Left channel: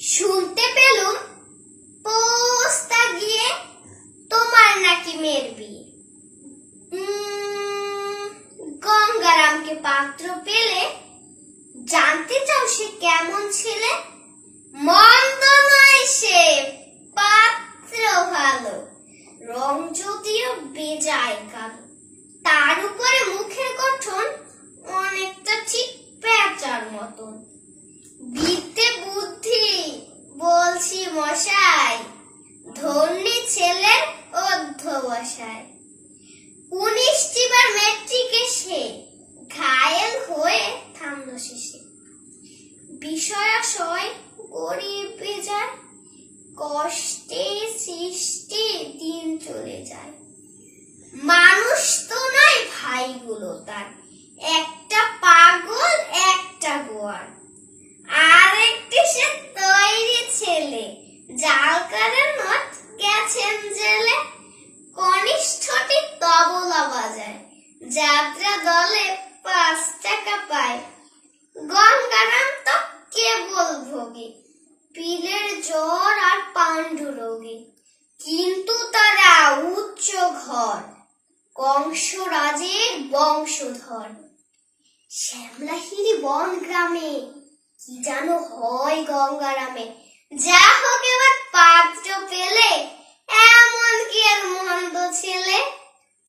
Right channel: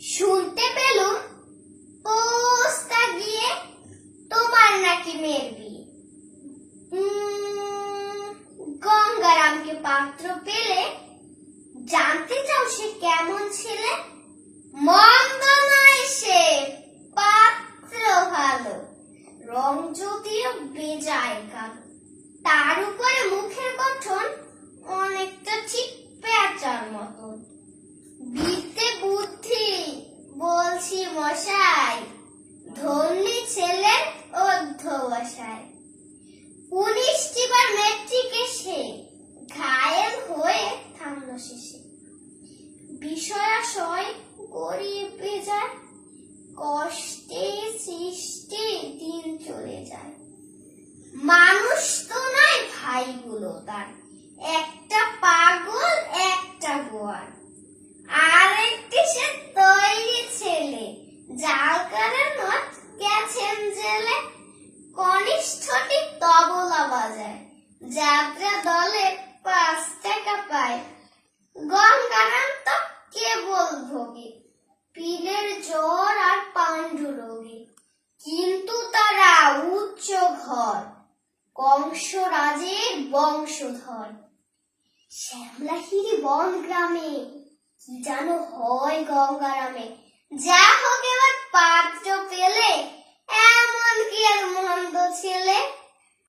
শুনতে পেলুম পোস্তা গিয়ে তোমার নাকি মেয়ের বিয়ে। গঙ্গারামকে পাত্র পেলে জানতে চাও সে কেমন ছেলে? মন্দ নয় সে, পাত্র ভালো, রং যদিও বেজায় কালো। তার উপরে মুখের গঠন অনেকটা ঠিক পেঁচার মতন। বিদ্যে বুদ্ধি বলছি মশাই, ধন্যী ছেলের অধ্যবসায়। 19টি বার মেট্রিকে সে ঘায়েল হয়ে থামল শেষে। বিষয়াশয় গরিব বেজায়, কষ্টে সৃষ্টি দিন চলে যায়। মানুষ তো নয় ভাইগুলো তার, একটা পাগল একটা গোয়ার। আর একটি সে তৈরি ছেলে, জালকারের নট গেছেন জেলে। কনিষ্ঠটি তবলা বাজায়, যাত্রা দলে 5 টাকা পায়। গঙ্গারাম তো কেবল ভোগে পিলের জ্বর আর পাণ্ডু রোগে। কিন্তু তারা উচ্চ ঘর, কংসরাজের বংশধর। শ্যামলাহিরি বন গ্রামে কি যেন হয় গঙ্গারামে। যা হোক এবার পাত্র পেলে, এমন কি আর মন্দ ছেলে।